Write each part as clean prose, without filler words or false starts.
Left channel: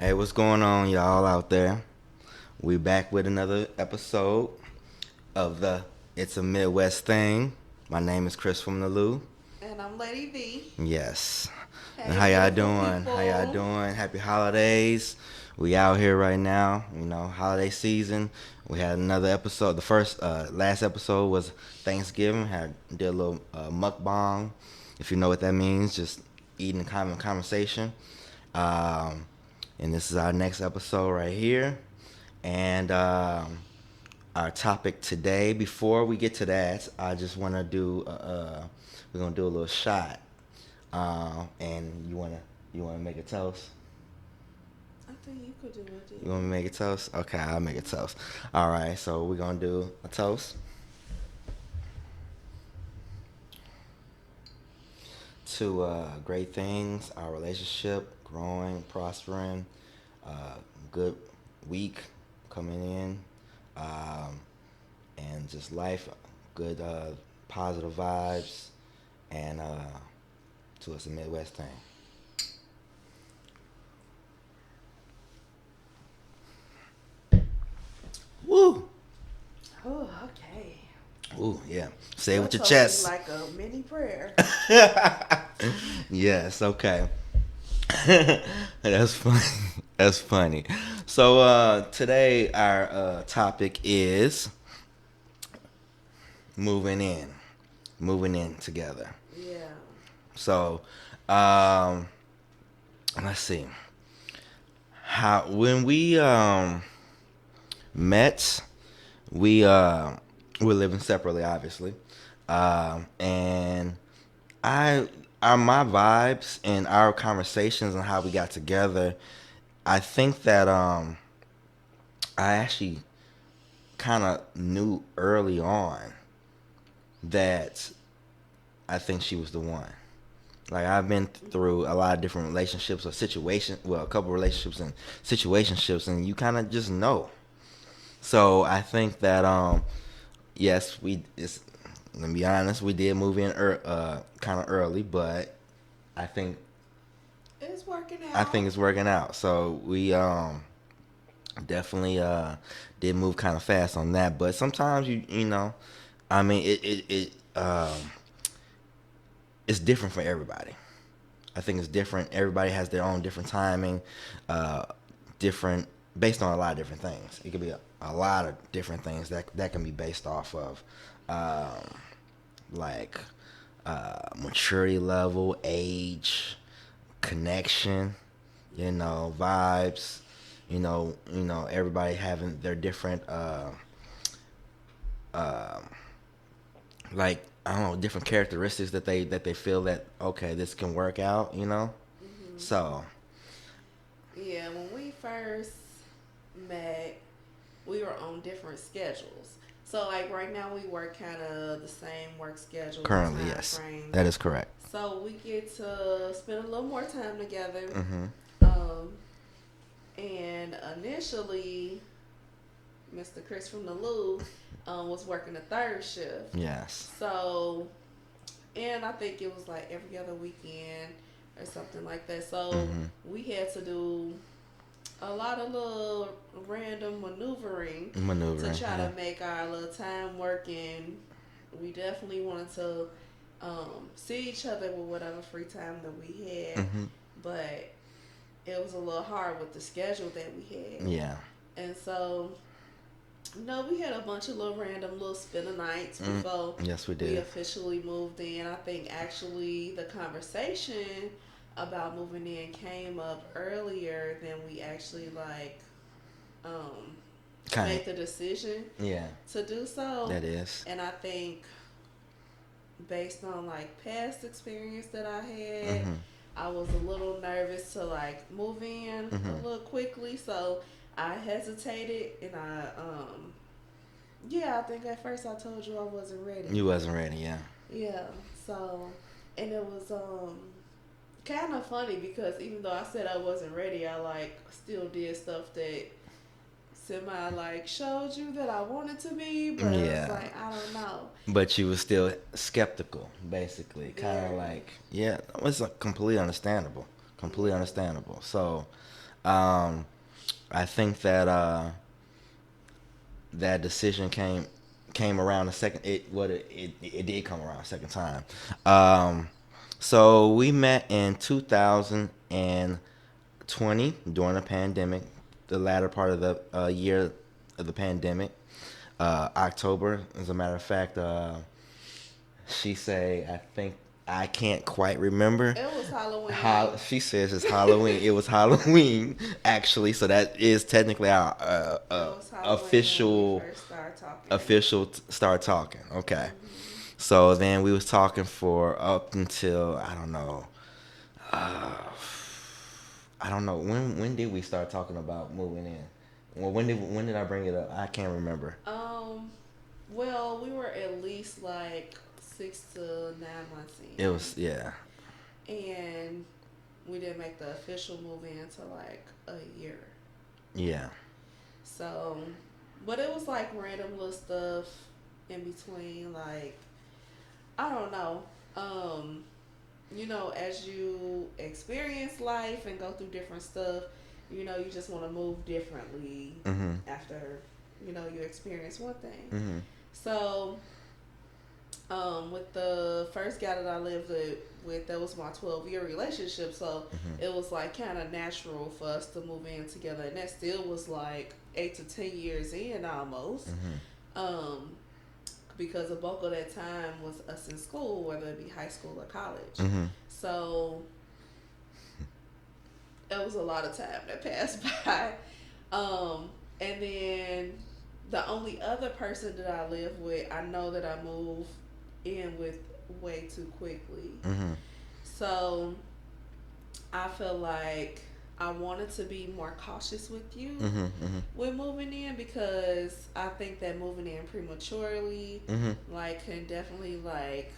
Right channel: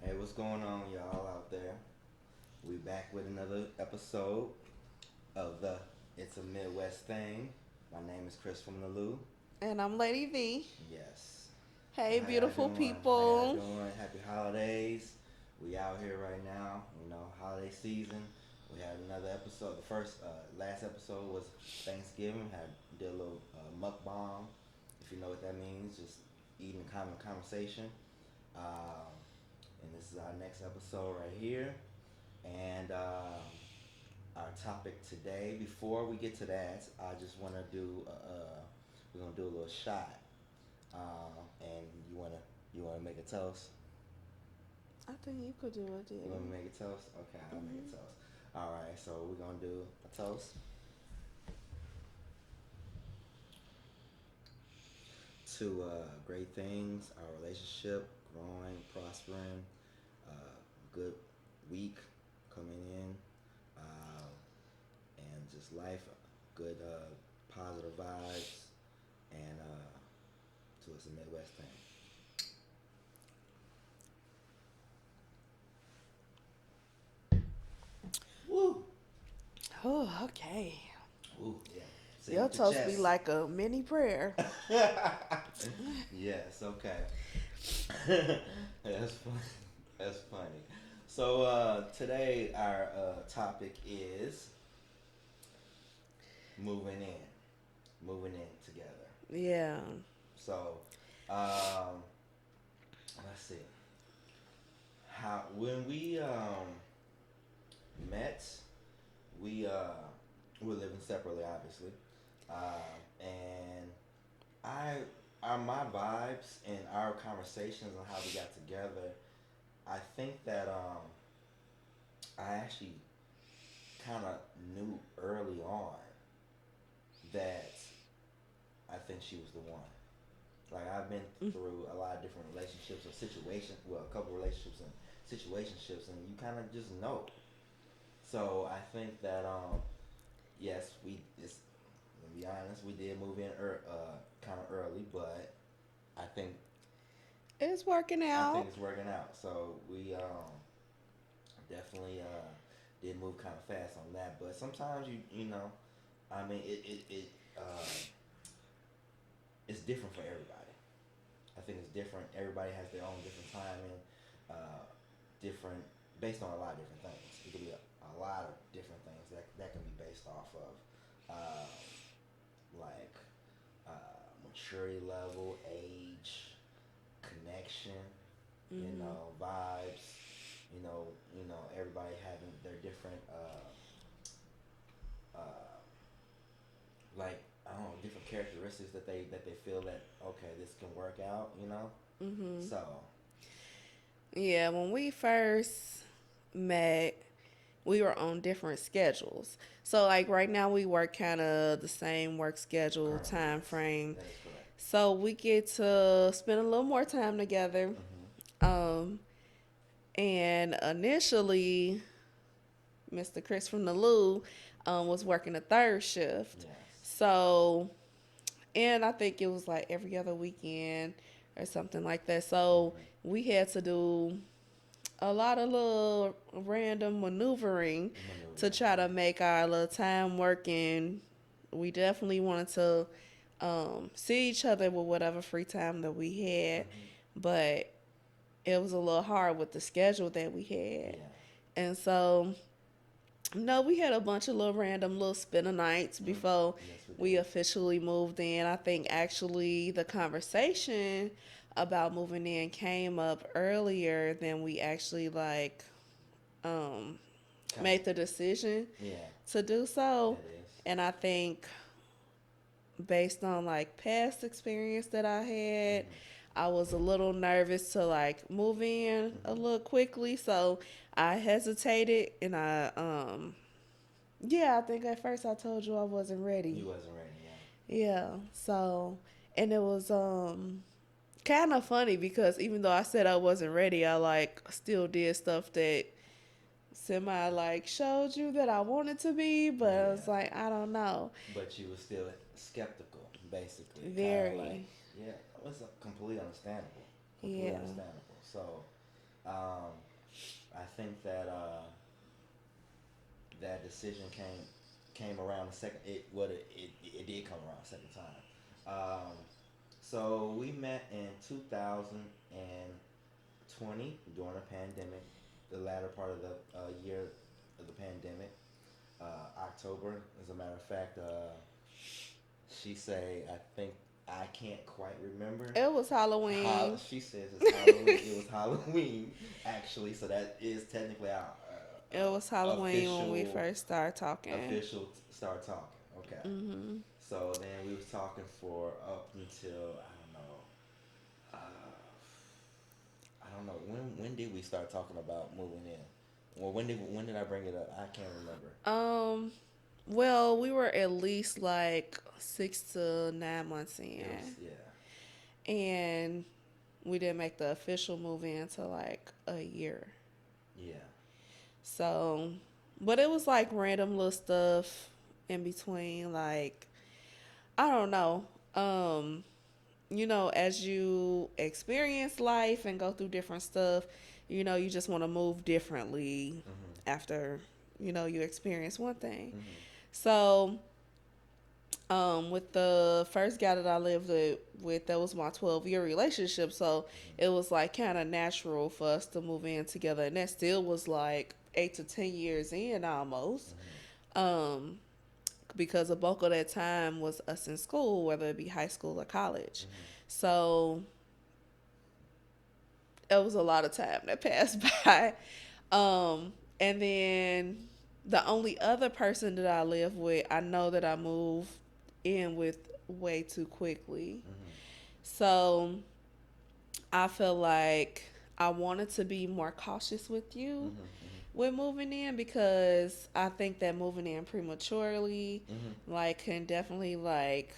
Hey, what's going on, y'all out there? We back with another episode of the It's a Midwest Thing. My name is Chris from the Lou. And I'm Lady V. Yes. And Hey, how y'all beautiful doing? How y'all people. doing? Happy holidays. We out here right now, holiday season. We had another episode. The last episode was Thanksgiving. Did a little mukbang. If you know what that means, just eating common conversation. Um, and this is our next episode right here. And our topic today, before we get to that, I just want to we're going to do a little shot. And you wanna make a toast? I think you could do You want me to make a toast? Okay, I'll make a toast. All right, so we're going to do a toast to great things, our relationship, growing, prospering, uh, good week coming in, um, and just life, good positive vibes, and to us a Midwest thing. Woo! Oh, okay. Ooh, yeah. Say it Your with your toast be chest. like a mini prayer. Yes, okay. That's funny. That's funny. So today our topic is moving in, moving in together. Yeah. So um, let's see how when we met, we we're living separately, obviously, and I my vibes and our conversations and how we got together. I think that I actually kind of knew early on that I think she was the one. Like I've been through a lot of different relationships or situations, well, a couple relationships and situationships, and you kind of just know. So I think that yes, we it's let me be honest, we did move in kind of early, but I think It's working I think out. it's working out. So we definitely did move kind of fast on that, but sometimes I mean it's different for everybody. I think it's different. Everybody has their own different timing, uh, different based on a lot of different things. It could be a lot of different things that can be based off of, like maturity level, age, connection, vibes. Everybody having their different, uh, like I don't know, different characteristics that they feel that okay, this can work out. So Yeah, when we first met, we were on different schedules. So, like, right now, we work kind of the same work schedule, currently, time yes, frame. that is correct. So, we get to spend a little more time together. Mm-hmm. Um, and initially, Mr. Chris from the Lou was working a third shift. Yes. So, and I think it was like every other weekend or something like that. So, Mm-hmm. we had to do a lot of little random maneuvering to Maneuvering. try Yeah. to make our little time work. And we definitely wanted to see each other with whatever free time that we had. Mm-hmm. But it was a little hard with the schedule that we had. Yeah. And so no, we had a bunch of little random little spinner nights Mm. before Yes, we we did. officially moved in. I think actually the conversation about moving in came up earlier than we actually um Kind of. made the decision Yeah. to do so. That is. And I think based on like past experience that I had, Mm-hmm. I was a little nervous to like move in a Mm-hmm. little quickly. So I hesitated and yeah, I think at first I told you I wasn't ready. You wasn't ready. Yeah. Yeah. So and it was kind of funny because even though I said I wasn't ready, I like still did stuff that semi like showed you that I wanted to be, but it was Yeah. like I don't know. But you was still skeptical, basically. Kind of Very. like, yeah, it's completely understandable. Completely Yeah. understandable. So, Um, I think that that decision came around a second. It did come around a second time. Um, so we met in 2020 during the pandemic, the latter part of the year of the pandemic. October, as a matter of fact. She say, I think I can't quite remember. It was Halloween. She says it's Halloween. It was Halloween, actually. So that is technically our It was Halloween official when we first started talking. Start talking. Okay. Mm-hmm. So then we was talking for up until I don't know when did we start talking about moving in. Well, when did I bring it up? I can't remember. Well, we were at least like 6 to 9 months in. It was, yeah. And we didn't make the official move in until like a year. Yeah. So, but it was like random little stuff in between. Like, I don't know. As you experience life and go through different stuff, you just want to move differently Mm-hmm. after, you experience one thing. Mm-hmm. So, with the first guy that I lived with, that was my 12-year relationship. So Mm-hmm. it was like kind of natural for us to move in together, and that still was like 8 to 10 years in almost. Um, because the bulk of that time was us in school, whether it be high school or college. Mm-hmm. So it was a lot of time that passed by. And then the only other person that I live with, I know that I moved in with way too quickly. Mm-hmm. So I feel like I wanted to be more cautious with you Mm-hmm. Mm-hmm. with moving in, because I think that moving in prematurely Mm-hmm. like can definitely like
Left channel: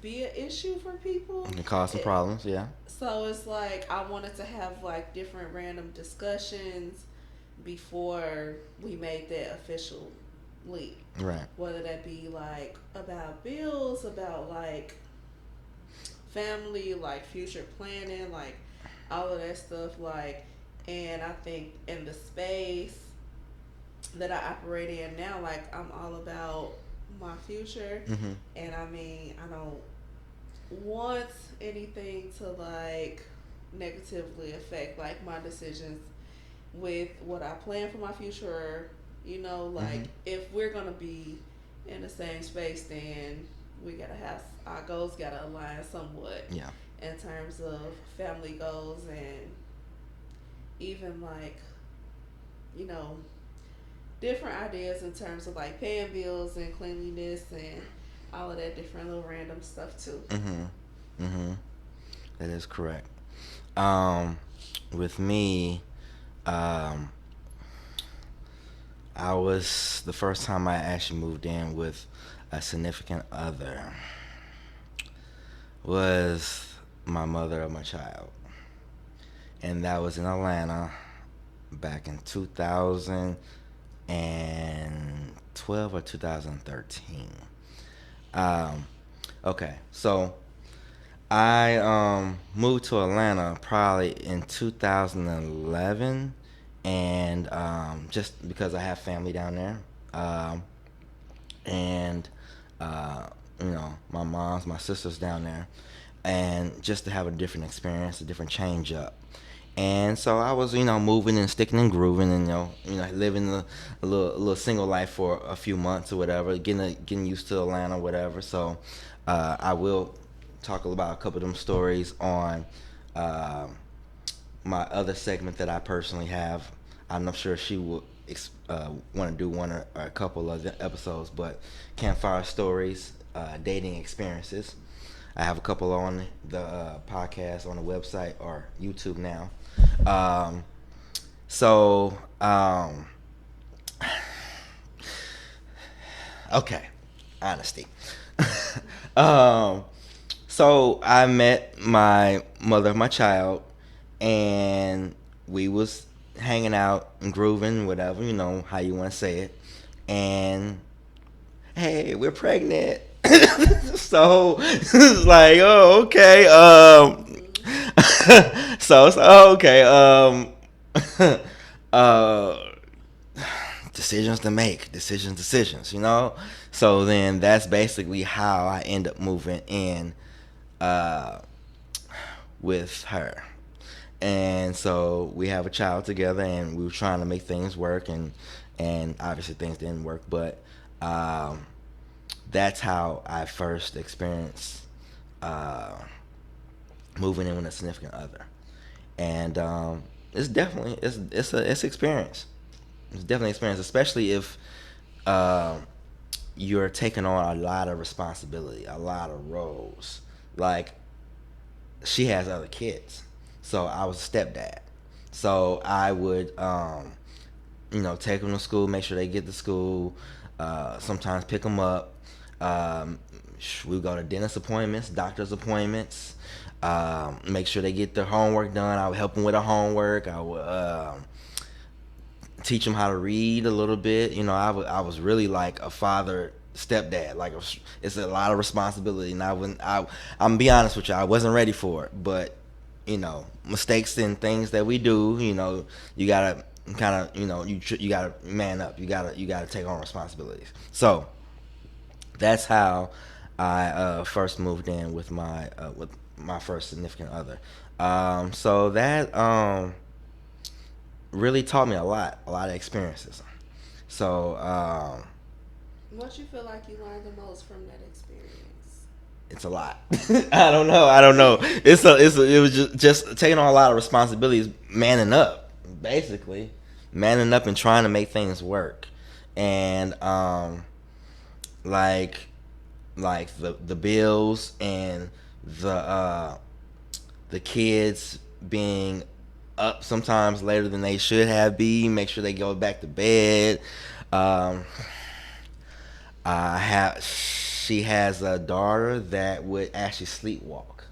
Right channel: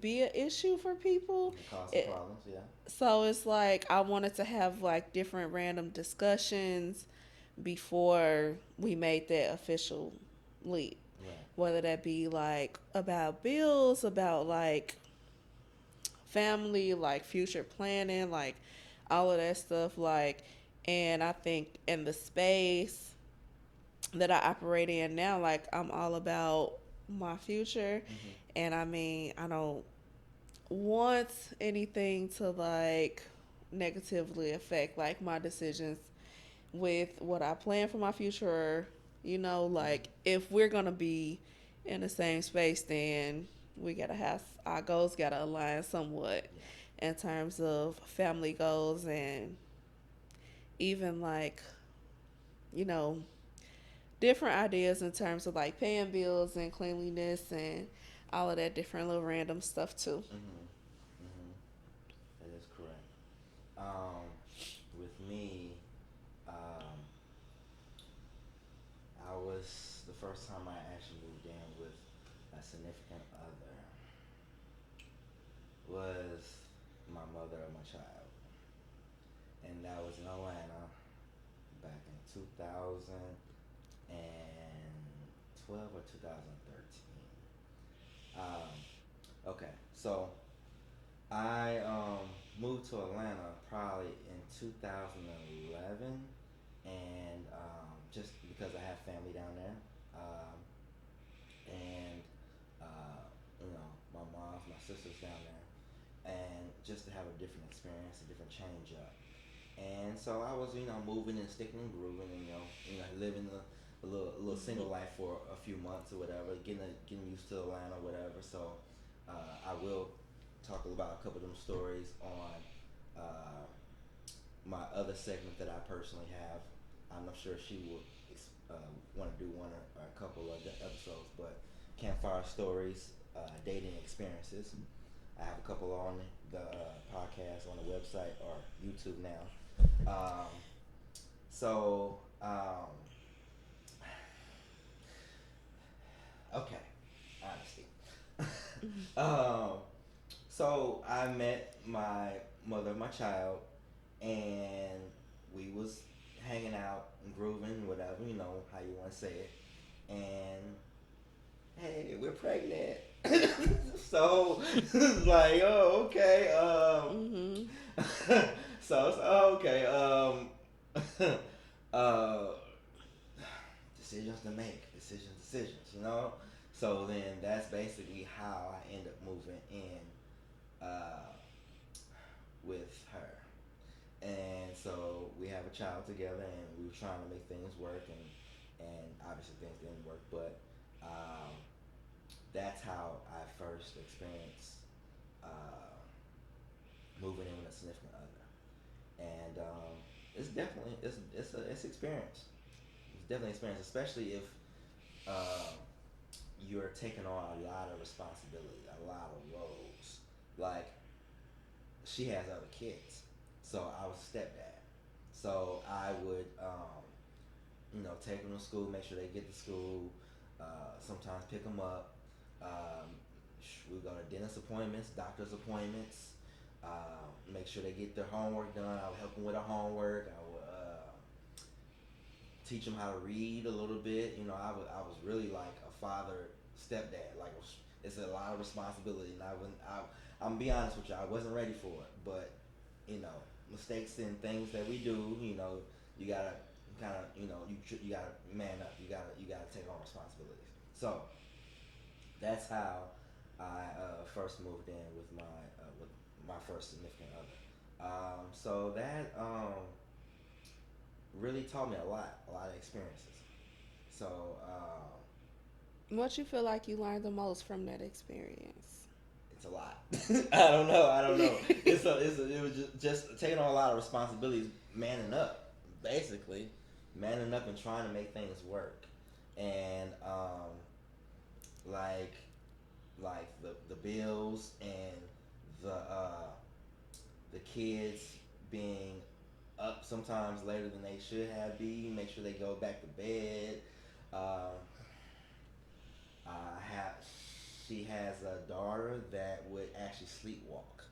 be an issue for people. It caused some problems, yeah. So it's like I wanted to have like different random discussions before we made that official leap. Right. Whether that be like about bills, about like family, like future planning, like all of that stuff. Like, and I think in the space that I operate in now, like I'm all about my future. Mm-hmm. And I mean, I don't want anything to like negatively affect like my decisions with what I plan for my future. Like Mm-hmm. if we're gonna be in the same space, then we gotta have our goals gotta align somewhat Yeah. in terms of family goals, and even like you know different ideas in terms of like paying bills and cleanliness and all of that different little random stuff too. Mm-hmm. Mm-hmm. That is correct. Um, with me, um, I was the first time I actually moved in with a significant other was my mother of my child, and that was in Atlanta back in 2012 or 2013. Um, okay, so I moved to Atlanta probably in 2011, and just because I have family down there, um, and uh, my sister's down there, and just to have a different experience, a different change up. And so I was, moving and sticking and grooving, and living a little single life for a few months or whatever, getting used to Atlanta, whatever. So I will talk about a couple of them stories on uh, my other segment that I personally have. I'm not sure she will want to do one or a couple of the episodes, but campfire stories, dating experiences. I have a couple on the podcast on the website or YouTube now. Um, so, okay, honesty. um, so I met my mother of my child, and we was hanging out and grooving, whatever, how you want to say it. And hey, we're pregnant. So it's like, oh, okay. Mm-hmm. So okay. Uh, decisions to make, decisions. So then that's basically how I end up moving in uh, with her. And so we have a child together, and we were trying to make things work, and obviously things didn't work, but um, that's how I first experienced uh, moving in with a significant other. And it's definitely it's experience. It's definitely experience, especially if uh, you're taking on a lot of responsibility, a lot of roles. Like, she has other kids, so I was a stepdad. So I would, take them to school, make sure they get to school. Sometimes pick them up. Um, we go to dentist appointments, doctor's appointments. Make sure they get their homework done. I would help them with their homework. I would teach them how to read a little bit. I was really like a father stepdad. Like, it's a lot of responsibility, and I'm gonna be honest with you, I wasn't ready for it. But mistakes and things that we do, you gotta kind of, you gotta man up. You gotta take on responsibilities. So that's how I first moved in with my first significant other. So that really taught me a lot of experiences. So What you feel like you learned the most from that experience? it's a lot. I don't know. It was just taking on a lot of responsibilities, manning up, basically, manning up and trying to make things work, and like the bills and the uh, the kids being up sometimes later than they should have been. Make sure they go back to bed. Um, she has a daughter that would actually sleepwalk,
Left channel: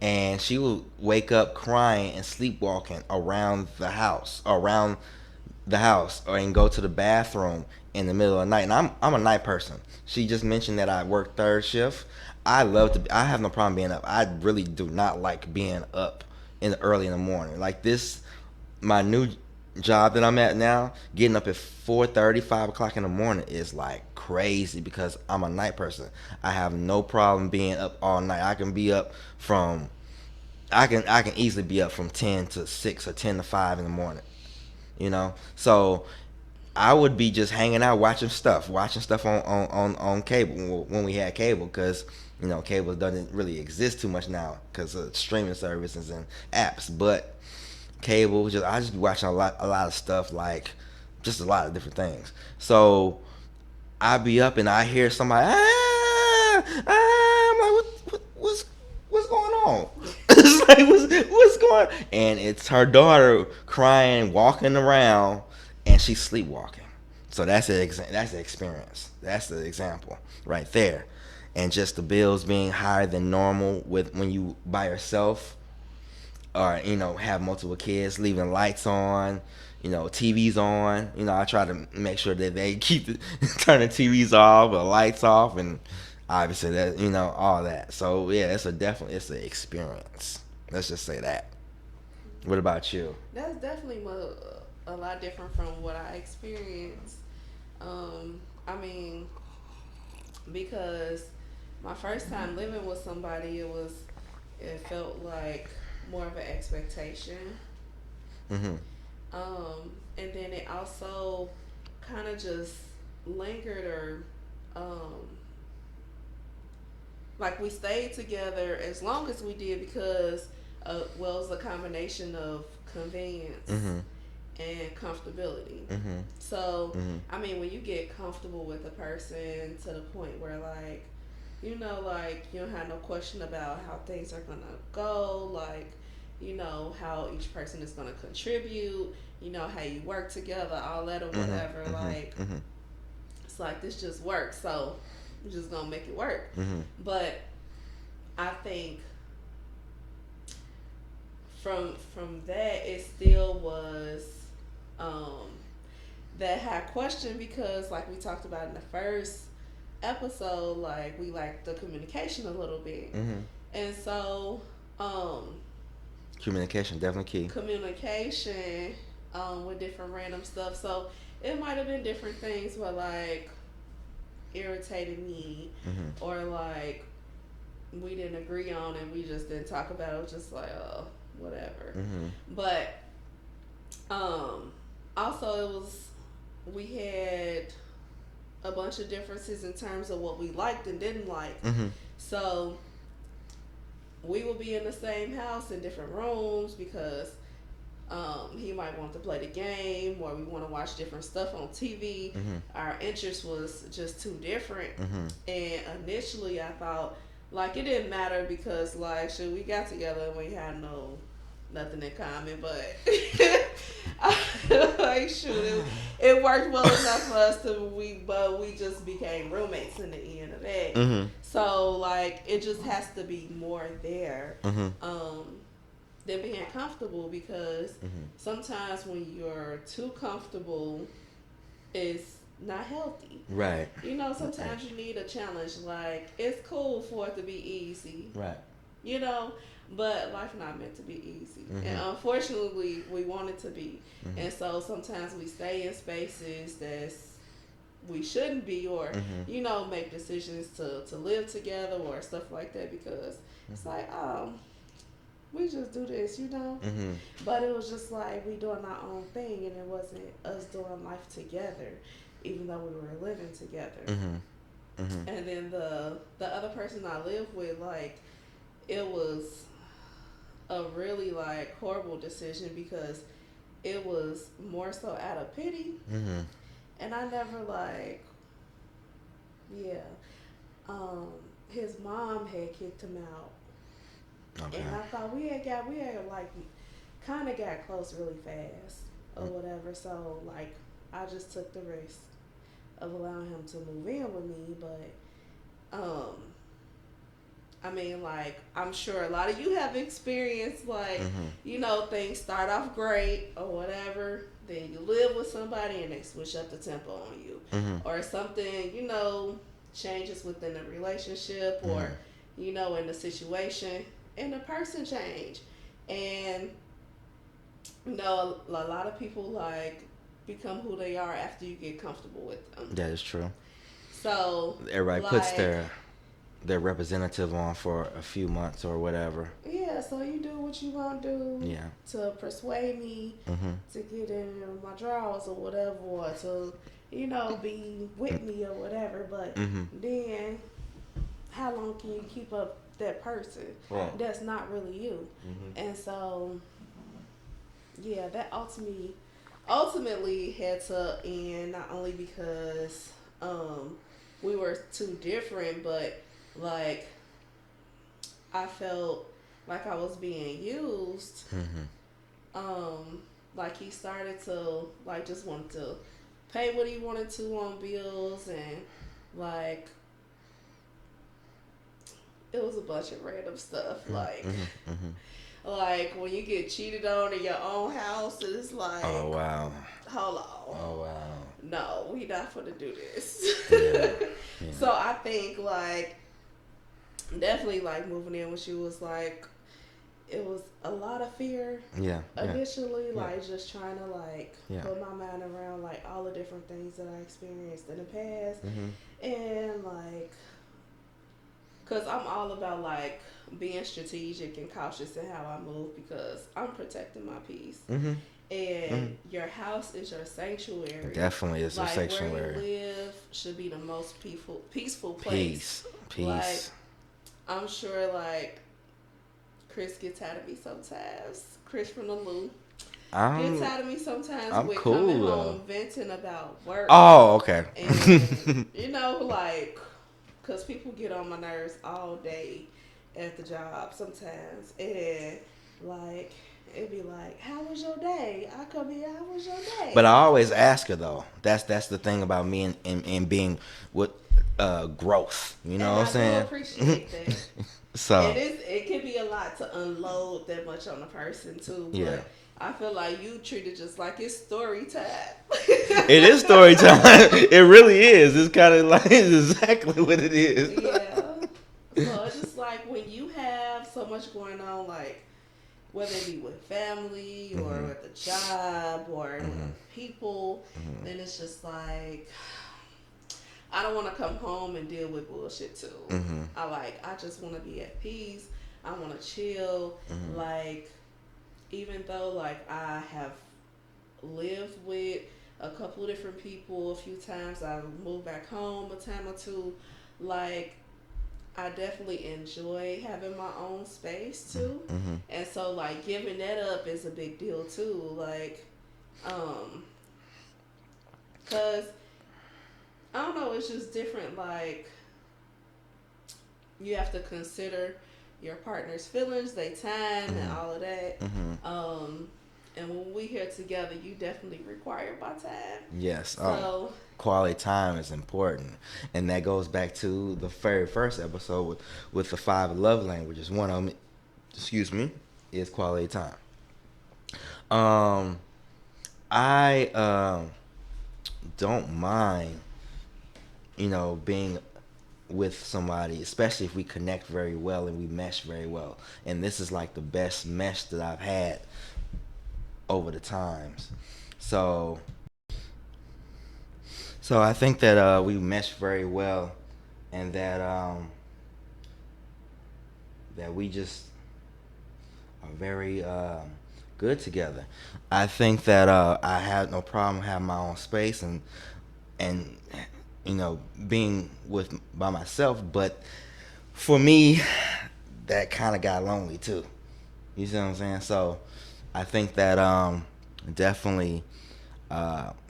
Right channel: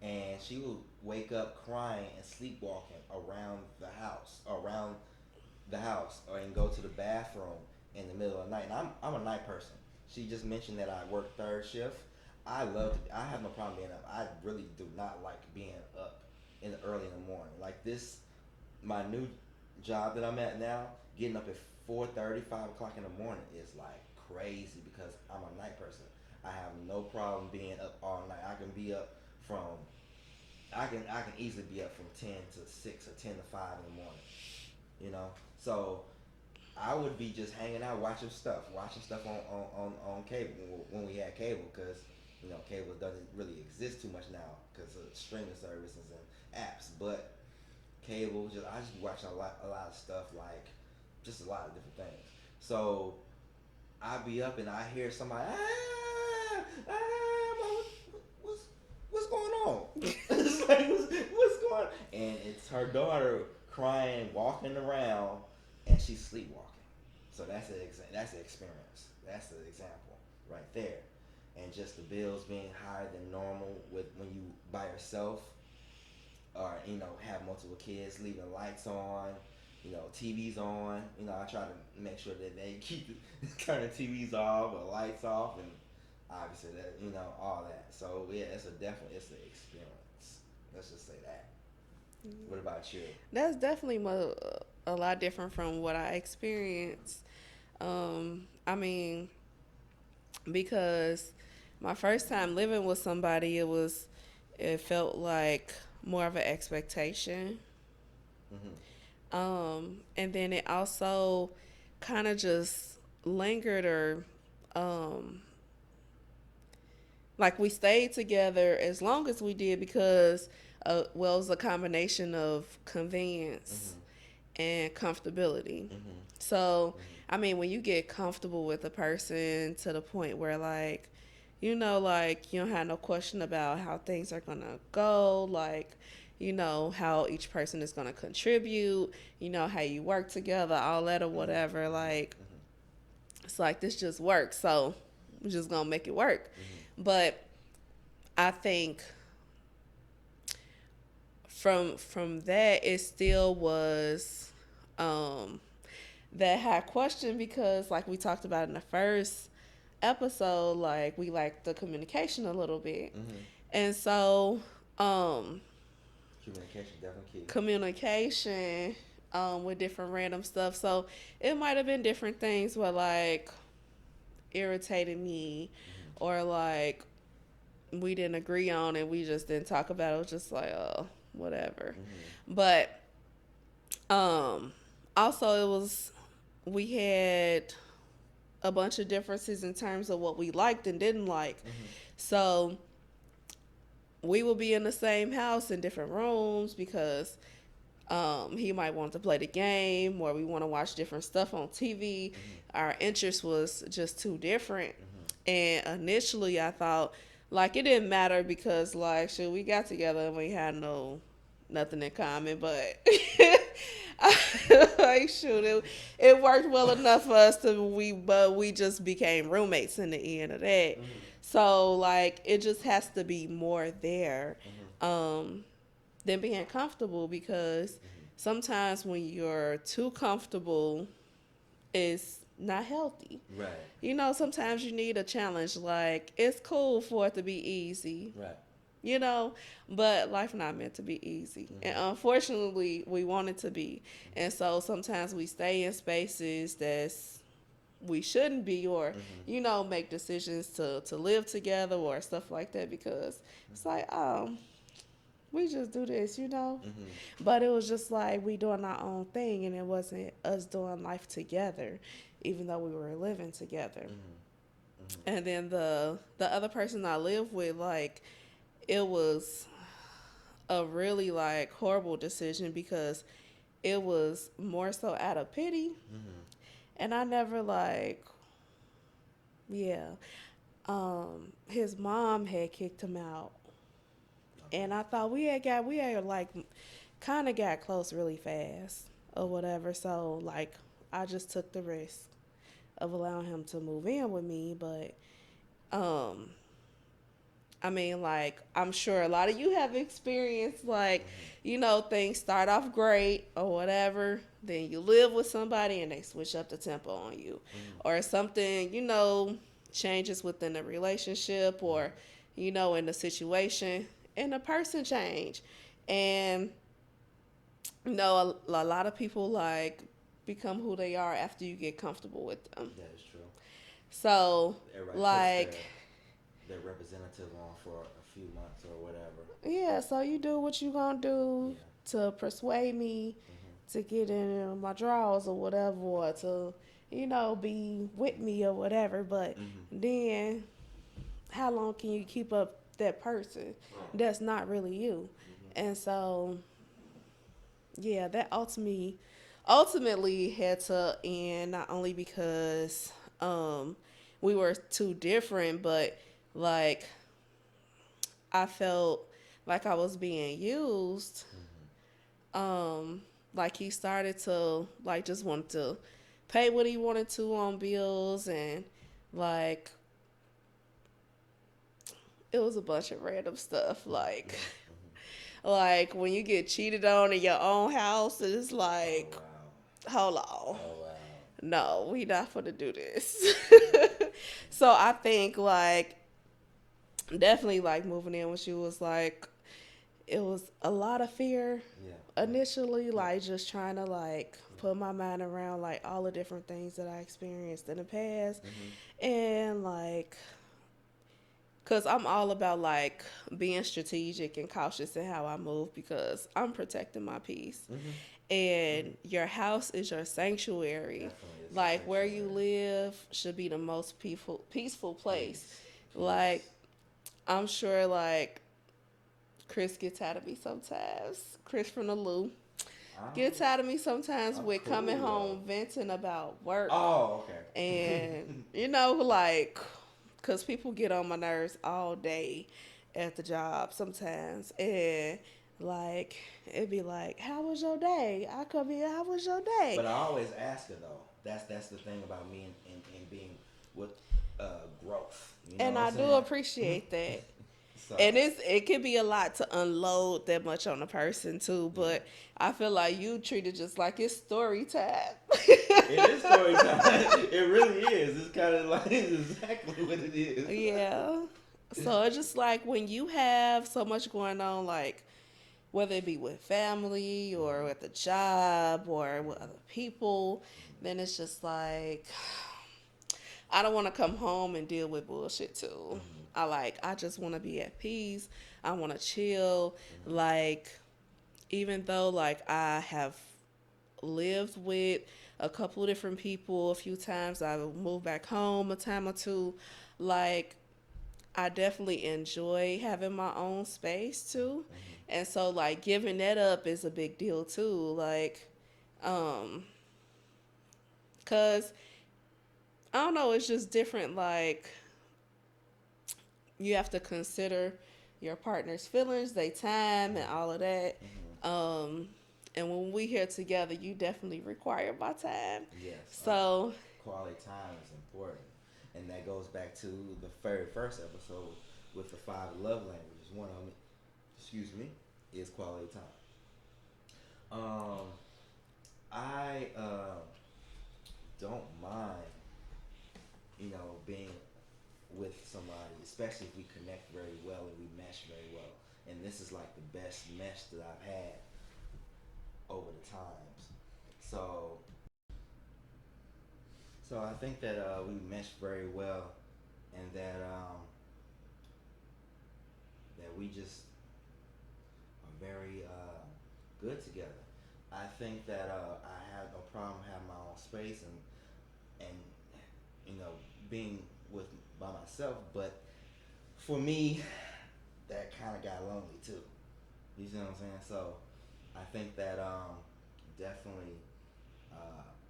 and she would wake up crying and sleepwalking around the house, or and go to the bathroom in the middle of the night. And I'm a night person. She just mentioned that I work third shift. I have no problem being up. I really do not like being up early in the morning. Like this, my new job that I'm at now, getting up at 4:30, 5 o'clock in the morning is like crazy because I'm a night person. I have no problem being up all night. I can easily be up from 10 to 6 or 10 to 5 in the morning. So I would be just hanging out watching stuff on cable when we had cable, because cable doesn't really exist too much now because of streaming services and apps. But cable, I just be watching a lot of stuff, like just a lot of different things. So I be up and I hear somebody, I'm like, what's going on? It's like, what's going on? And it's her daughter crying, walking around, and she's sleepwalking. So that's the experience. That's the example right there. And just the bills being higher than normal with when you by yourself, or have multiple kids, leaving lights on, TVs on. I try to make sure that they keep turn the TVs off or lights off, and obviously that all that. So yeah, it's an experience. Let's just say that. What about you? That's definitely a lot different from what I experienced. I mean, because my first time living with somebody, it felt like more of an expectation. Mm-hmm. And then it also kind of just lingered, or um, like we stayed together as long as we did because well, it was a combination of convenience Mm-hmm. and comfortability. Mm-hmm. So, Mm-hmm. I mean, when you get comfortable with a person to the point where, like, like you don't have no question about how things are gonna go, like, how each person is gonna contribute, how you work together, all that or Mm-hmm. whatever. Like, Mm-hmm. it's like this just works, so we're just gonna make it work. Mm-hmm. But I think from that, it still was um that high question, because like we talked about in the first episode, like we like the communication a little bit. Mm-hmm. And so Um, Communication definitely key. communication with different random stuff. So it might have been different things where like irritated me Mhm. or like we didn't agree on and we just didn't talk about it. It was just like whatever. Mhm. But um also it was we had a bunch of differences in terms of what we liked and didn't like. Mhm. So we would be in the same house in different rooms because he might want to play the game or we want to watch different stuff on TV. Mhm. Our interest was just too different. Mhm. And initially I thought like it didn't matter because like shit, we got together and we had nothing in common, but like shoot, it worked well enough for us but we just became roommates in the end of that. Mhm. So like it just has to be more there. Mhm. Than being comfortable because Mhm. sometimes when you're too comfortable it's not healthy. Right. You know, sometimes you need a challenge. Like it's cool for it to be easy, Right. you know, but life not meant to be easy. Mhm. And unfortunately we want it to be. Mhm. And so sometimes we stay in spaces that's we shouldn't be or Mhm. you know make decisions to live together or stuff like that because it's like we just do this, you know. Mhm. But it was just like we doing our own thing, and it wasn't us doing life together, even though we were living together. Mhm. Mhm. And then the other person I lived with, like, it was a really like horrible decision because it was more so out of pity, Mhm. and I never like, yeah. His mom had kicked him out, Okay. and I thought we had like kind of got close really fast or whatever. So like I just took the risk of allowing him to move in with me, but I mean like I'm sure a lot of you have experienced like Mhm. you know things start off great or whatever, then you live with somebody and they switch up the tempo on you, Mhm. or something you know changes within the relationship or Mhm. you know in the situation and the person change. And you know a lot of people like become who they are after you get comfortable with them. That is true. So Everybody puts like their representative on for a few months or whatever. yeah, so you do what you gonna do Yeah. to persuade me Mhm. to get in my drawers or whatever, or to you know be with me or whatever, but Mhm. then how long can you keep up that person Right. that's not really you? Mhm. And so yeah, that ultimately had to end, not only because we were too different, but like I felt like I was being used. Mhm. Like he started to like just want to pay what he wanted to on bills, and like it was a bunch of random stuff. Mhm. Mhm. Mhm. Like when you get cheated on in your own house, it's like, Oh wow. hold on, Oh wow. no, we not gonna do this. Yeah. Yeah. So I think like definitely like moving in with you was like it was a lot of fear Yeah. Yeah. initially, Yeah. like just trying to like Yeah. put my mind around like all the different things that I experienced in the past, Mhm. and like because I'm all about like being strategic and cautious in how I move because I'm protecting my peace. Mhm. And Mhm. your house is your sanctuary. Definitely is a Like where sanctuary. you live should be the most peaceful place. Peace. Like Peace. I'm sure like Chris gets tired of me sometimes. Chris from the Lou gets tired of me sometimes I'm with cool, coming though. home venting about work. Oh, okay. And you know like because people get on my nerves all day at the job sometimes, and like it'd be like, how was your day? I come here, how was your day? But I always ask her though. That's the thing about me and being with growth. You know and what I'm I do saying? appreciate that. So And it can be a lot to unload that much on a person too, but Yeah. I feel like you treat it just like it's story time. it is story time. It really is. It's kind of like it's exactly what it is. Yeah. So it's just like when you have so much going on, like whether it be with family or Mhm. at the job or with Mhm. other people, Mhm. then it's just like I don't want to come home and deal with bullshit too. Mhm. I just want to be at peace. I want to chill. Mhm. Like even though like I have lived with a couple of different people a few times, I moved back home a time or two. Like I definitely enjoy having my own space too. Mhm. And so like giving that up is a big deal too. Like um cuz I don't know, it's just different like you have to consider your partner's feelings, their time and Mhm. all of that. Mhm. Um and when we here together, you definitely require my time. Yes. So Quality time is important, and that goes back to the very first episode with the five love languages. One of them, excuse me, is quality time. Um, I don't mind, being with somebody, especially if we connect very well and we mesh very well. And this is like the best mesh that I've had over the times. So, so I think that we mesh very well, and that we just are very good together. I think that I have no problem having my own space and being with by myself, but for me, that kind of got lonely too. You see what I'm saying? So I think that definitely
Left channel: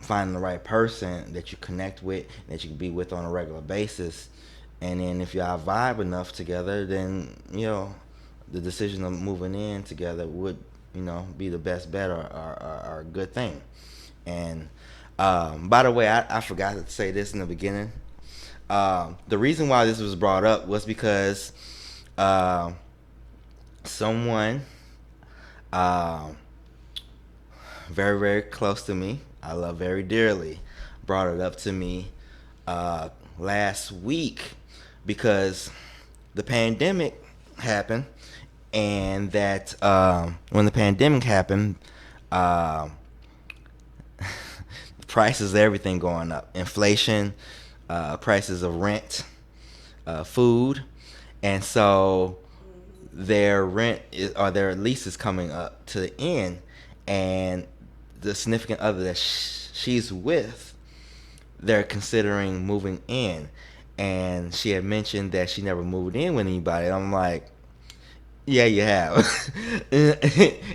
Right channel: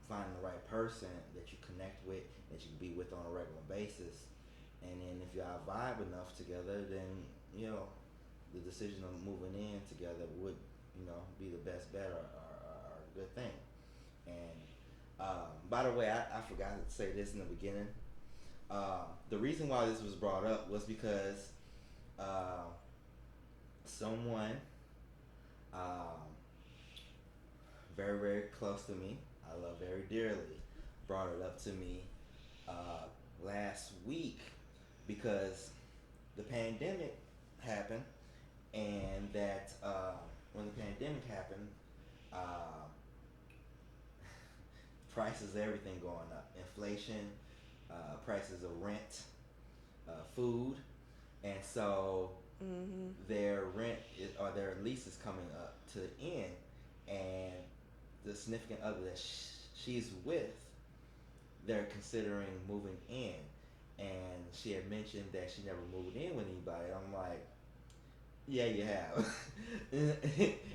finding the right person that you connect with, that you can be with on a regular basis, and then if y'all vibe enough together, then the decision of moving in together would be the best bet or a good thing. And by the way, I forgot to say this in the beginning. The reason why this was brought up was because uh, someone um, very, very close to me, I love very dearly, brought it up to me uh, last week because the pandemic happened, and that when the pandemic happened, uh, prices of everything going up, inflation, prices of rent, food, and so mhm. their rent or their lease is coming up to the end, and the significant other that she's with, they're considering moving in, and she had mentioned that she never moved in with anybody. And I'm like, yeah, you have, and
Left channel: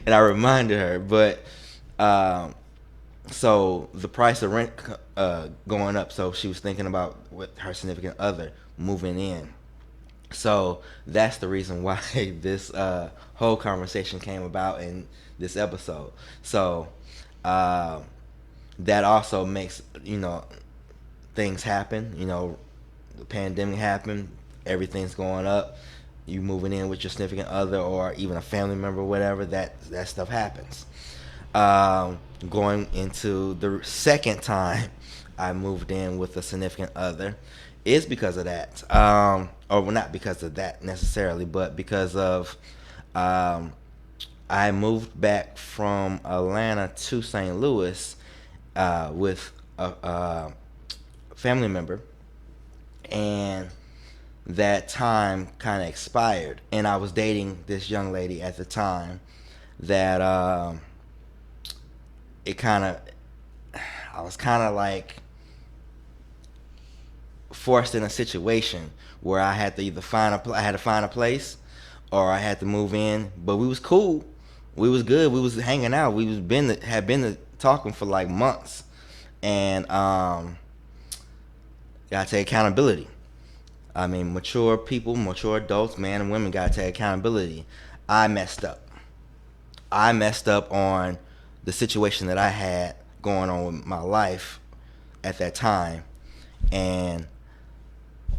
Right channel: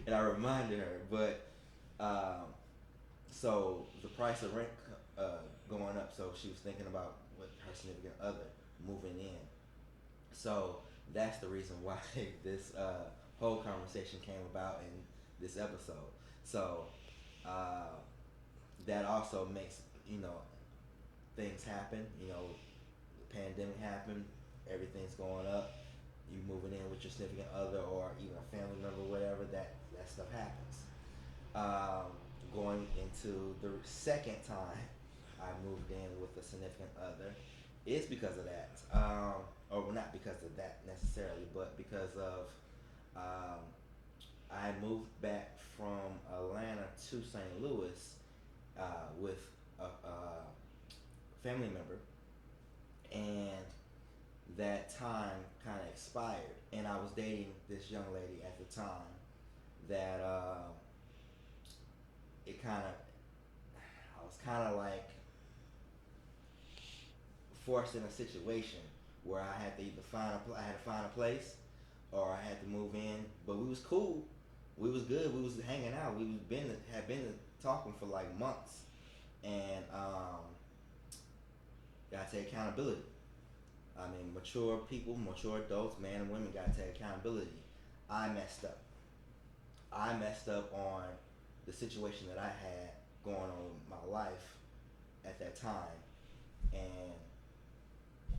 I reminded her, but um, so the price of rent going up, so she was thinking about with her significant other moving in. So that's the reason why this whole conversation came about in this episode. So uh, that also makes things happen. The pandemic happened, everything's going up. You moving in with your significant other or even a family member, whatever. That stuff happens. Going into the second time I moved in with a significant other is because of that. Or well, not because of that necessarily, but because of um, I moved back from Atlanta to St. Louis with a family member, and that time kind of expired. And I was dating this young lady at the time that it kind of I was kind of like forced in a situation where I had to either I had to find a place or I had to move in. But we was cool, we was good, we was hanging out, we was had been talking for like months, and gotta take accountability. I mean, mature people, mature adults, man and women gotta take accountability. I messed up. I messed up on the situation that I had going on with my life at that time, and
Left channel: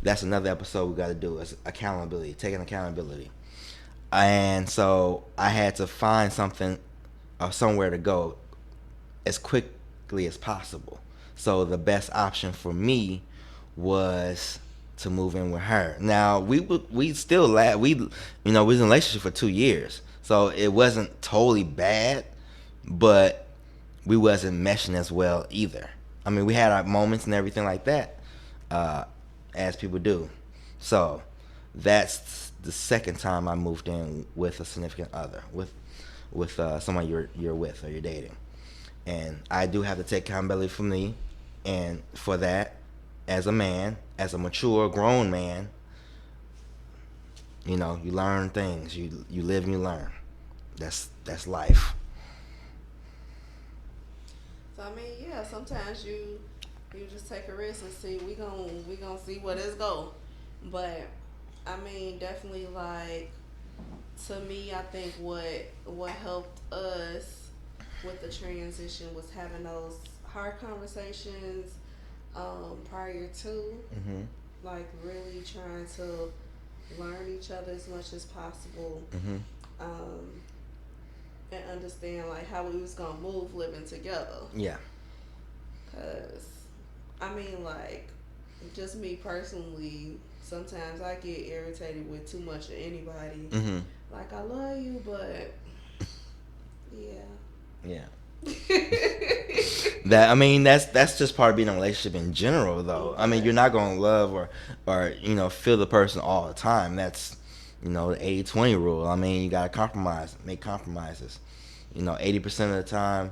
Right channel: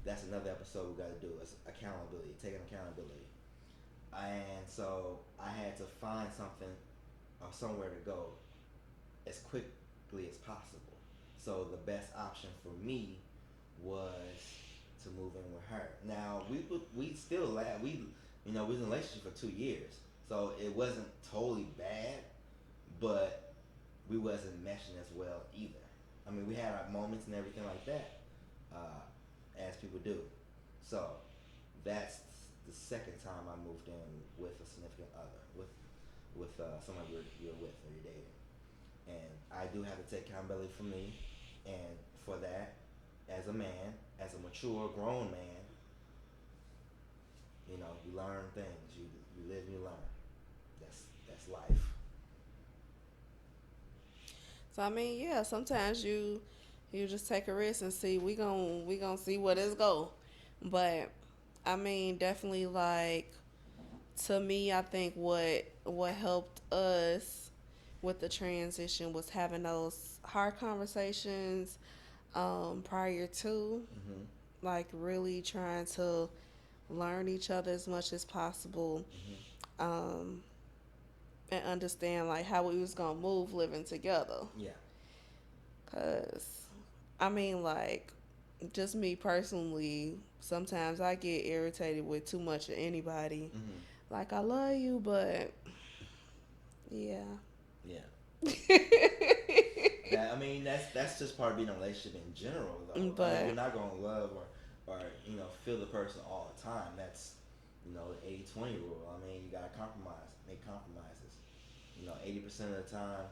that's another episode we got to do is accountability, taking accountability. And so I had to find something or somewhere to go as quickly as possible. So the best option for me was to move in with her. Now we still we was in a relationship for 2 years, so it wasn't totally bad, but we wasn't meshing as well either. I mean, we had our moments and everything like that, as people do. So that's the second time I moved in with a significant other, with someone you're with or you're dating, and I do have to take accountability for me, and for that, as a man, as a mature grown man, you learn things, you live and you learn. That's life. So I mean, yeah, sometimes you just take a risk and see we gonna see where this go. But I mean, definitely like to me, I think what helped us with the transition was having those hard conversations prior to, Mhm. like really trying to learn each other as much as possible, Mhm. um, and understand like how we was gonna move living together. Yeah. Cause I mean, like, just me personally, sometimes I get irritated with too much of anybody. Mhm. Like, I love you, but yeah. Yeah. That I mean, that's just part of being in a relationship in general, though. I mean, you're But not gonna love or feel the person all the time. That's the 80-20 rule. I mean, you gotta compromise, make compromises. 80% of the time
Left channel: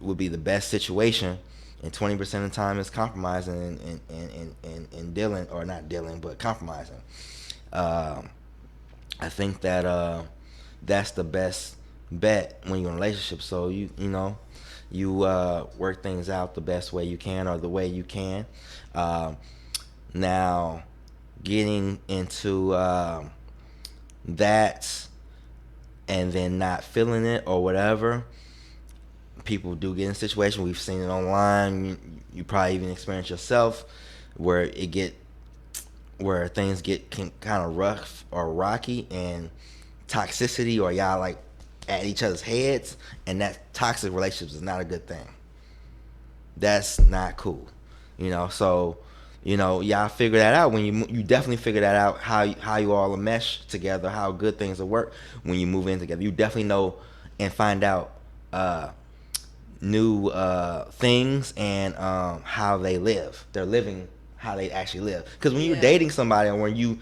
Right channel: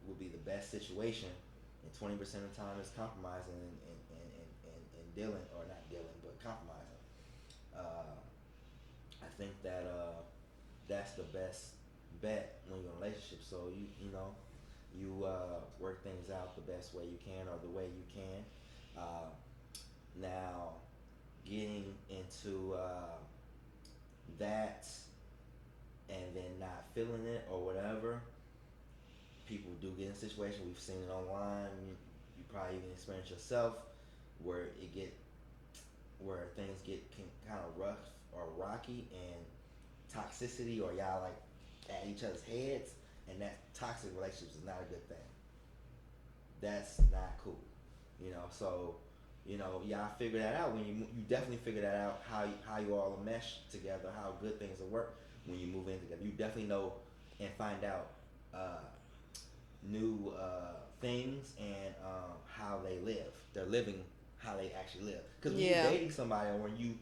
would be the best situation, and 20% of the time is compromising and dealing, or not dealing, but compromising. Um, I think that that's the best bet when you're in a relationship. So you work things out the best way you can, or the way you can. Um, Now, getting into that and then not feeling it or whatever, people do get in a situation. We've seen it online. You probably even experienced yourself where where things get kind of rough or rocky, and toxicity, or y'all like at each other's heads, and that toxic relationships is not a good thing. That's not cool. So y'all figure that out when you definitely figure that out, how you all mesh together, how good things will work when you move in together. You definitely know and find out uh, new things, and how they live. They're living how they actually live. Because when you're yeah, dating somebody, or when you're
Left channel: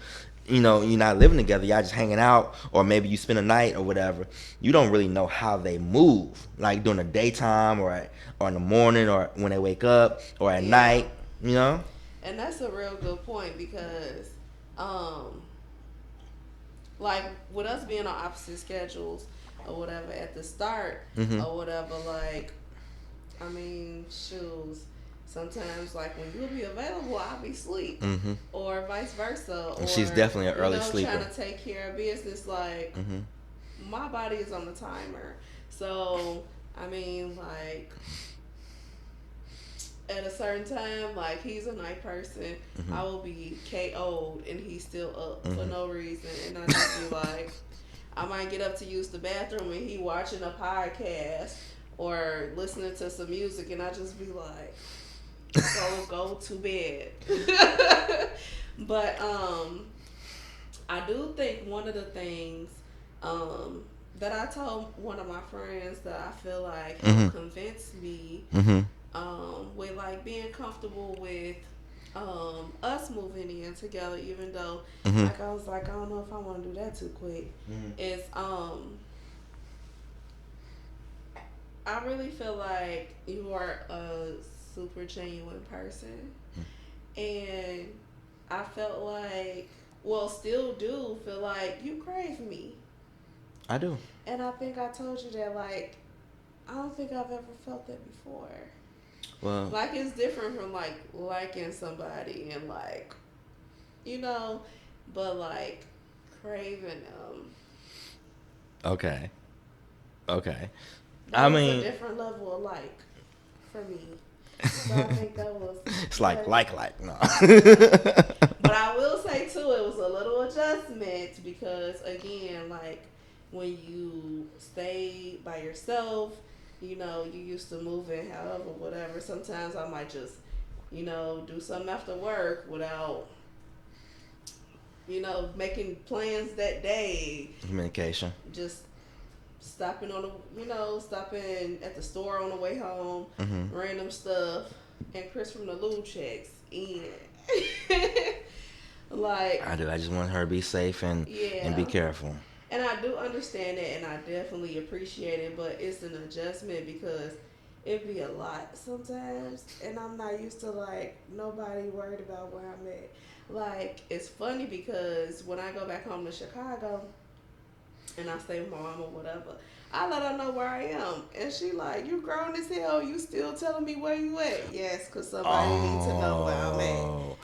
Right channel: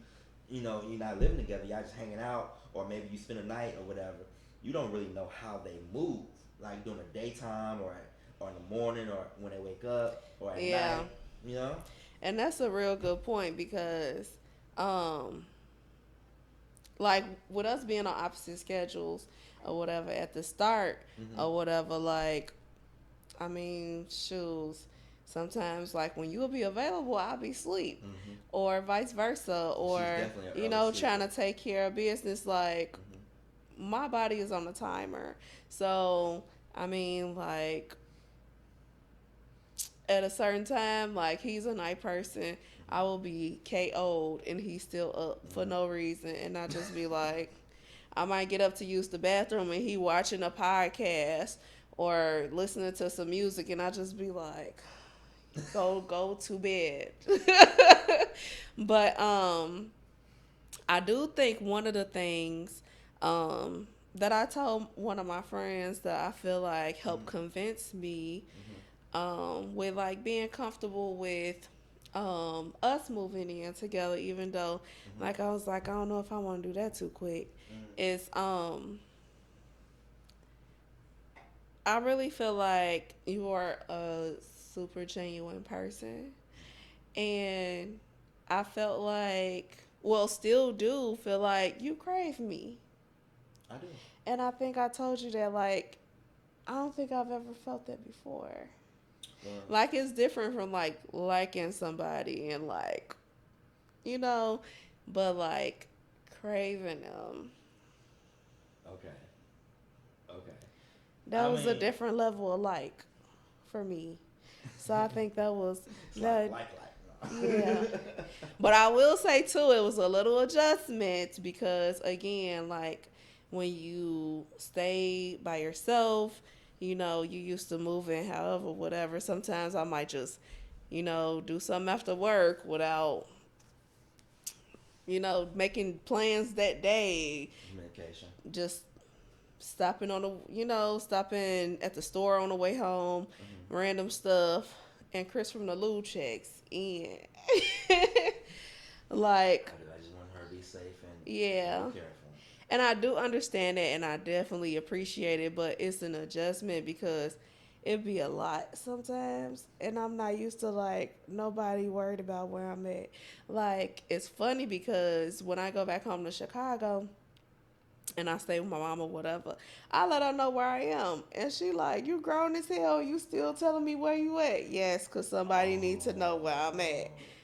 not living together, y'all just hanging out, or maybe you spend a night or whatever, you don't really know how they move, like during the daytime, or in the morning, or when they wake up, or at yeah. night. You know? And that's a real good point because, um, like with us being on opposite schedules or whatever at the start Mhm. or whatever, like I mean, shoes. Sometimes, like when you'll be available, I'll be asleep, Mhm. or vice versa, And she's or definitely an early trying sleeper. to take care of business. Like Mhm. my body is on the timer, so I mean, like at a certain time, like he's a night person, Mhm. I will be KO'd and he's still up for Mhm. no reason, and I just be like, I might get up to use the bathroom and he watching a podcast or listening to some music, and I just be like, so go to bed. But I do think one of the things that I told one of my friends that I feel like helped Mhm. convince me Mhm. with like being comfortable with us moving in together, even though Mhm. like I was like, I don't know if I want to do that too quick. Mhm. Is I really feel like you are a super genuine person, and I felt like, well, still do feel like you crave me. I do. And I think I told you that, like, I don't think I've ever felt that before. Well, Like, it's different from, like, liking somebody and, like, you know, but, like, craving them. okay. Okay. I That was a mean, different level of like for me. So I think that was, it's but no. yeah. But I will say too, it was a little adjustment because again, like when you stay by yourself, you used to moving, however, whatever. Sometimes I might just, do something after work without making plans that day, Communication. just stopping on the, stopping at the store on the way home, Hmm. random stuff, and Chris from the Lube checks in. Like, I do. I just want her to be safe and be yeah. careful. And I do understand it and I definitely appreciate it, but it's an adjustment because it be a lot sometimes. And I'm not used to like nobody worried about where I'm at. Like, it's funny because when I go back home to Chicago and I stay with my mom or whatever, I let her know where I am. And she like, you grown as hell, you still telling me where you at? Yes, because somebody needs to know where I'm at. Oh.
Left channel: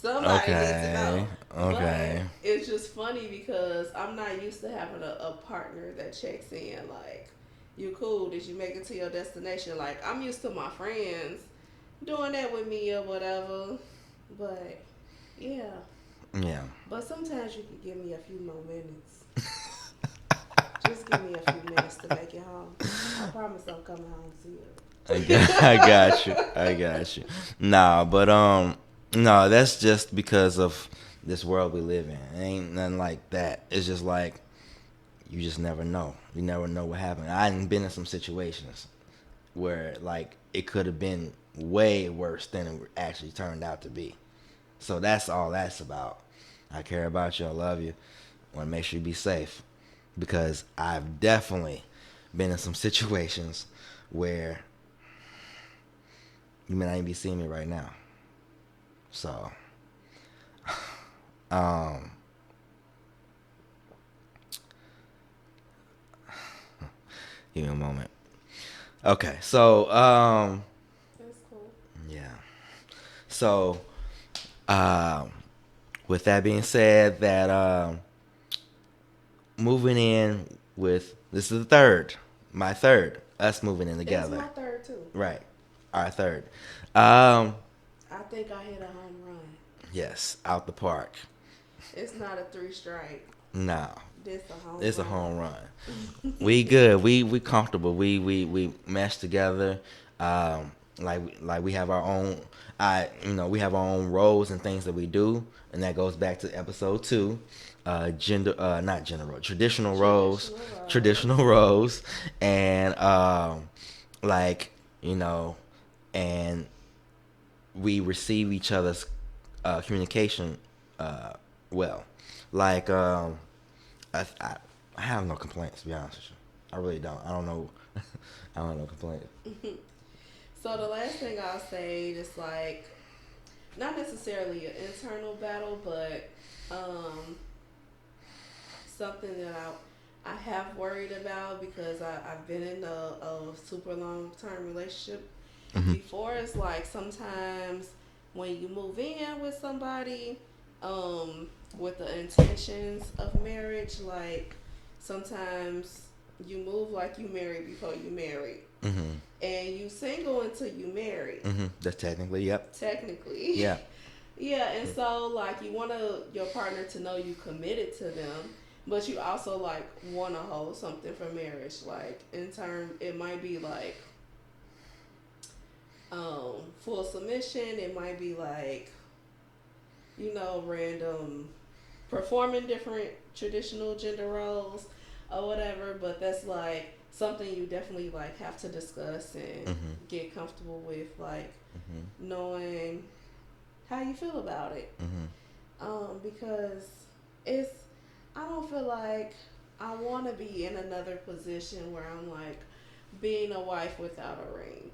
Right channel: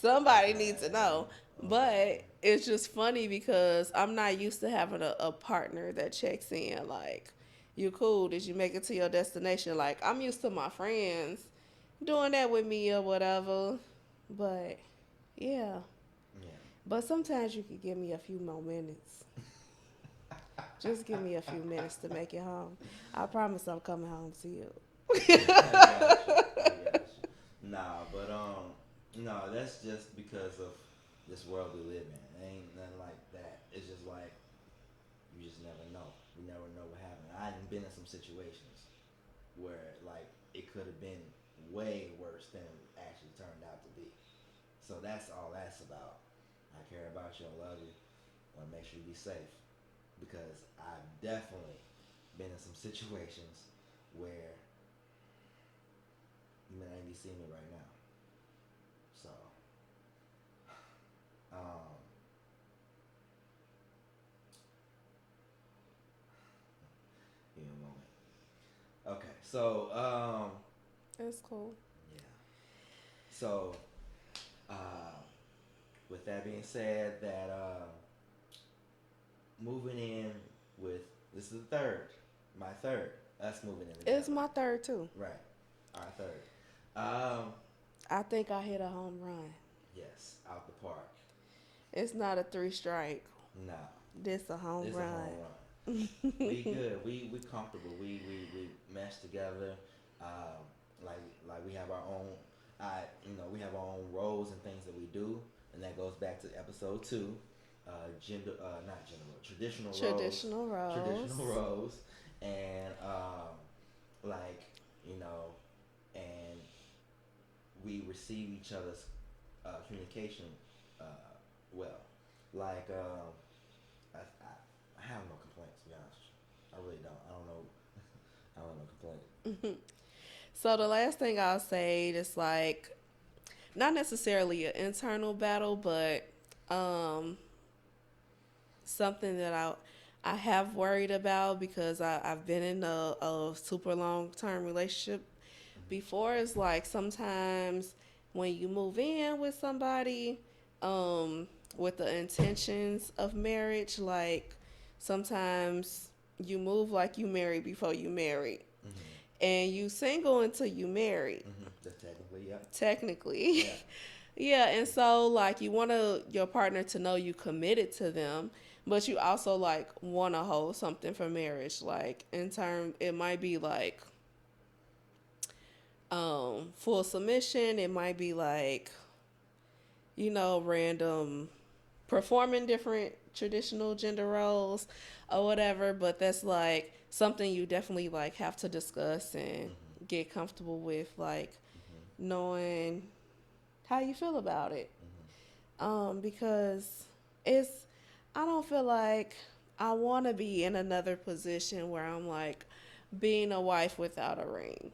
Somebody needs to Okay. know. Okay. But it's just funny because I'm not used to having a partner that checks in. Like, you cool? Did you make it to your destination? Like, I'm used to my friends doing that with me or whatever. But, yeah. Yeah. But sometimes you can give me a few more minutes. Just give me a few minutes to make it home. I promise I'm coming home to I you. got you. I got you. Nah, but no, that's just because of this world we live in. It ain't nothing like that. It's just like you just never know. You never know what happened. I done been in some situations where like it could have been way worse than it actually turned out to be. So that's all that's about. I care about you. I love you. Want to make sure you be safe because I've definitely been in some situations where you may not even be seeing me right now. So, um, give me a moment. Okay, so That's cool. yeah. So, um, with that being said, that moving in with this is the third, my third, us moving in It's together, my third, too. right? Our third. Um, I think I hit a home run. yes, out the park. It's not a three strike. No, This a home it's a home run. run. We good. We comfortable. We mesh together. Like we have our own. We have our own roles and things that we do, and that goes back to episode 2. Gender, not gender role, traditional roles, Traditional roles. traditional roles, and like you know, and we receive each other's communication uh, well. Like I I have no complaints to be honest with you. I really don't. I don't know. I don't have no complaints. So the last thing I'll say is like not necessarily an internal battle, but um, something that I have worried about because I've been in a super long term relationship Hmm. before. It's like sometimes when you move in with somebody, um, with the intentions of marriage, like sometimes you move like you married before you married, Hmm. and you single until you married. Hmm. That's technically, yep. Technically, Yeah. yeah, and so like you want your partner to know you committed to them, but you also like want to hold something for marriage. Like in term, it might be like full submission. It might be like random performing different traditional gender roles or whatever. But that's like something you definitely like have to discuss and Hmm. get comfortable with, like Hmm. knowing how you feel about it. Hmm. Because it's I don't feel like I want to be in another position where I'm like being a wife without a ring.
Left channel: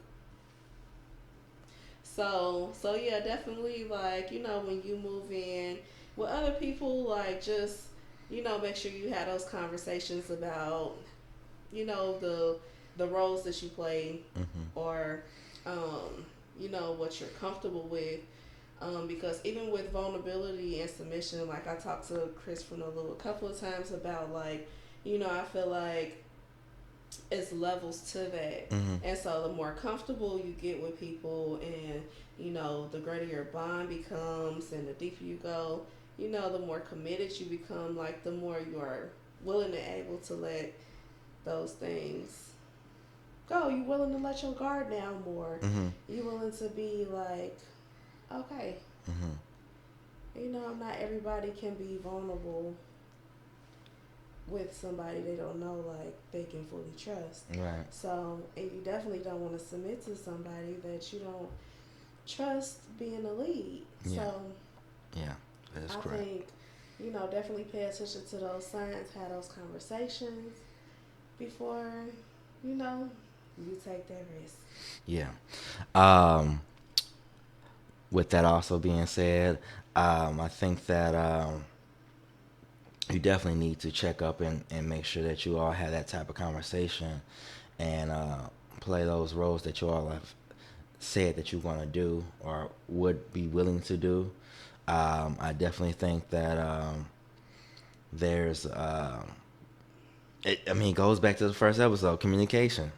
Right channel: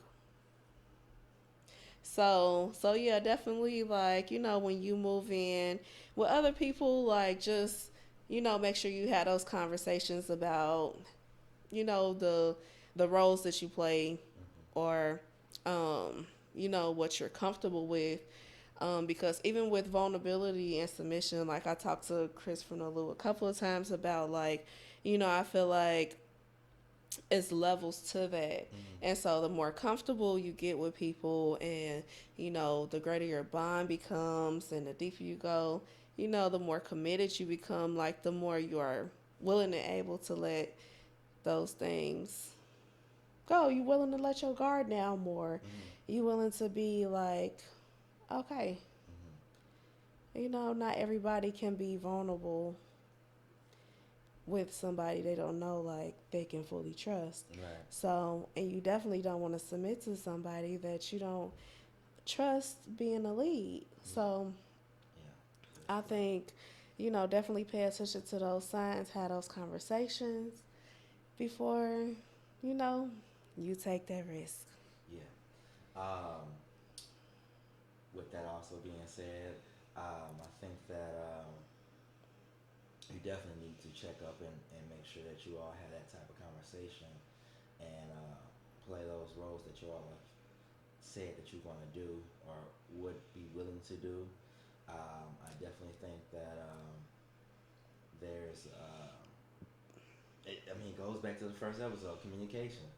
So yeah, definitely like when you move in with other people, like just make sure you have those conversations about the roles that you play Hmm. or what you're comfortable with. Because even with vulnerability and submission, like I talked to Chris from a couple of times about like, I feel like it's levels to that. Hmm. And so the more comfortable you get with people and, the greater your bond becomes and the deeper you go, the more committed you become, like the more you are willing and able to let those things go. You willing to let your guard down more. Hmm. You willing to be like, okay, Hmm. Not everybody can be vulnerable with somebody they don't know, like they can fully trust. Right. So, and you definitely don't want to submit to somebody that you don't trust being a lead. Yeah. So, Yeah. That's I correct. think, definitely pay attention to those signs, have those conversations before, you know, you take that risk. Yeah. Um, with that also being said, I think that you definitely need to check up and make sure that you all have that type of conversation and play those roles that you all have said that you want to do or would be willing to do. I definitely think that there's, I mean, it goes back to the first episode, communication.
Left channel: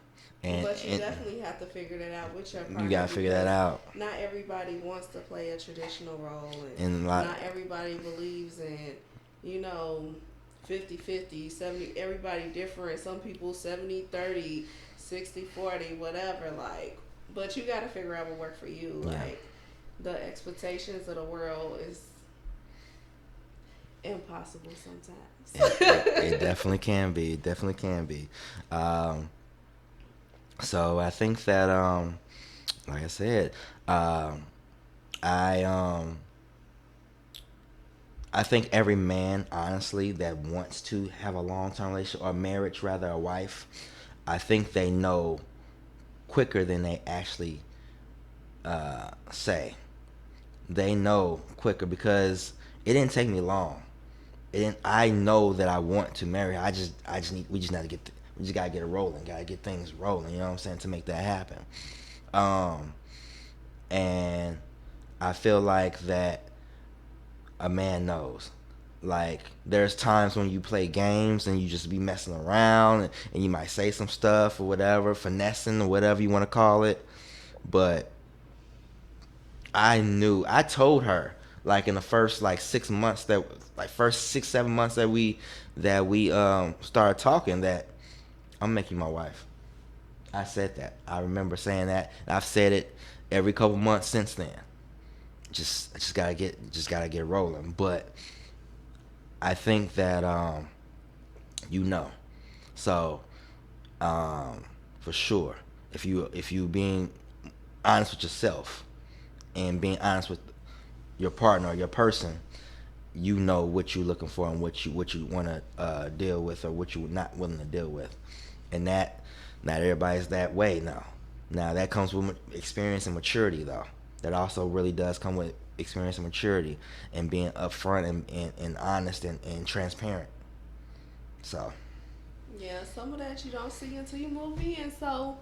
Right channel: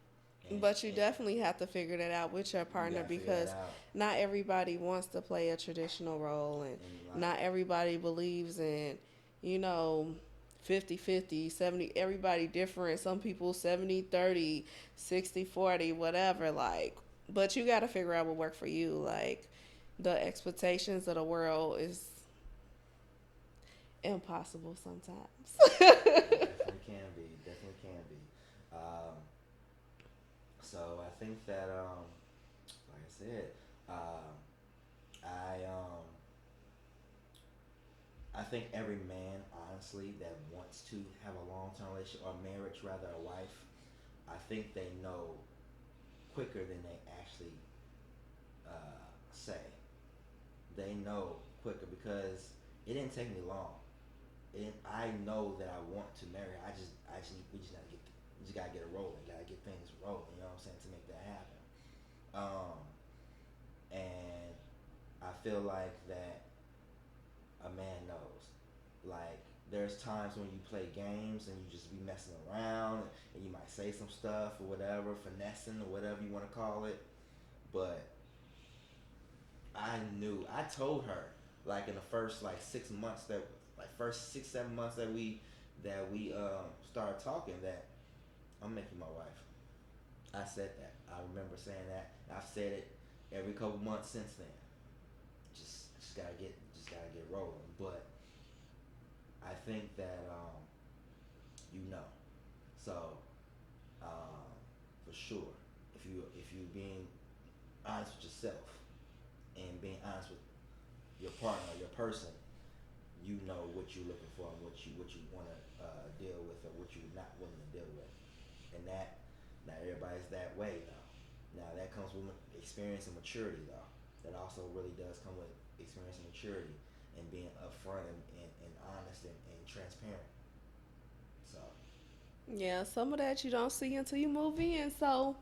But you And definitely have to figure that out with your you partner got to figure that because out. not everybody wants to play a traditional role And and like, not everybody believes in, you know, 50-50, 70, everybody different. Some people 70-30, 60-40, whatever, like, but you got to figure out what work for you. yeah, Like the expectations of the world is impossible it sometimes. definitely can be. It definitely can be. Um, so I think that, like I said, um, I um, I think every man, honestly, that wants to have a long term relationship or marriage, rather, a wife, I think they know quicker than they actually say. They know quicker because it didn't take me long. It didn't, I know that I want to marry her. I just need, we just got to we just gotta get it rolling. Gotta get things rolling. You know what I'm saying, to make that happen. Um, and I feel like that a man knows. Like there's times when you play games and you just be messing around and you might say some stuff or whatever, finessing or whatever you want to call it. But I told her like in the first like 6 months that like first 6 7 months that we started talking that I'm making my wife. I said that. I remember saying that. And I've said it every couple months since then. Just gotta get rolling. But I think that you know. So for sure, if you being honest with yourself and being honest with your partner or your person, you know what you're looking for and what you want to deal with or what you're not willing to deal with, and that not everybody's that way now. Now that comes with experience and maturity, though. That also really does come with experience and maturity and being upfront and honest and transparent. So Yeah, some of that you don't see until you move in. So,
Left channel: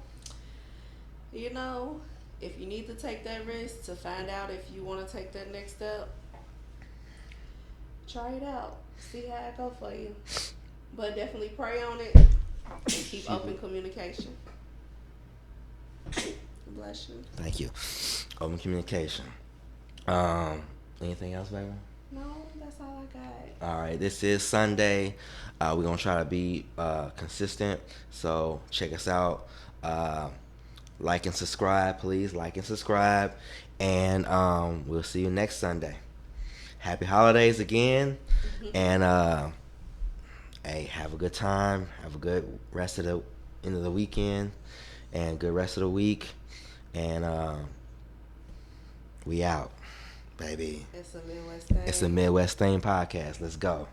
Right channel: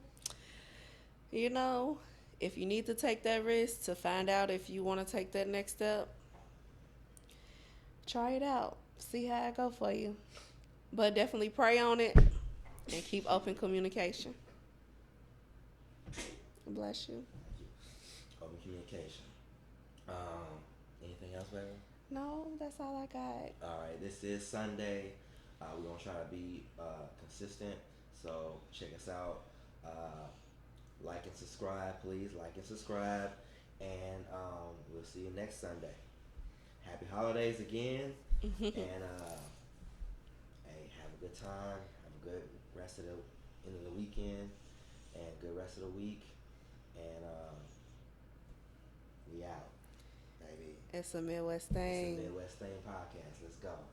you know, if you need to take that risk to find out if you want to take that next step, try it out. See how it go for you. But definitely pray on it and keep excuse me. open communication. Bless you. Thank you. Open communication. Um, anything else, baby? No, that's all I got. All right, this is Sunday. We're gonna try to be consistent, so check us out. Uh, like and subscribe, please. Like and subscribe, and we'll see you next Sunday. Happy holidays again, and hey, have a good time. Have a good rest of the end of the weekend, and good rest of the week. And we out, baby. It's a Midwest It's the thing. Midwest Thing podcast. Let's go.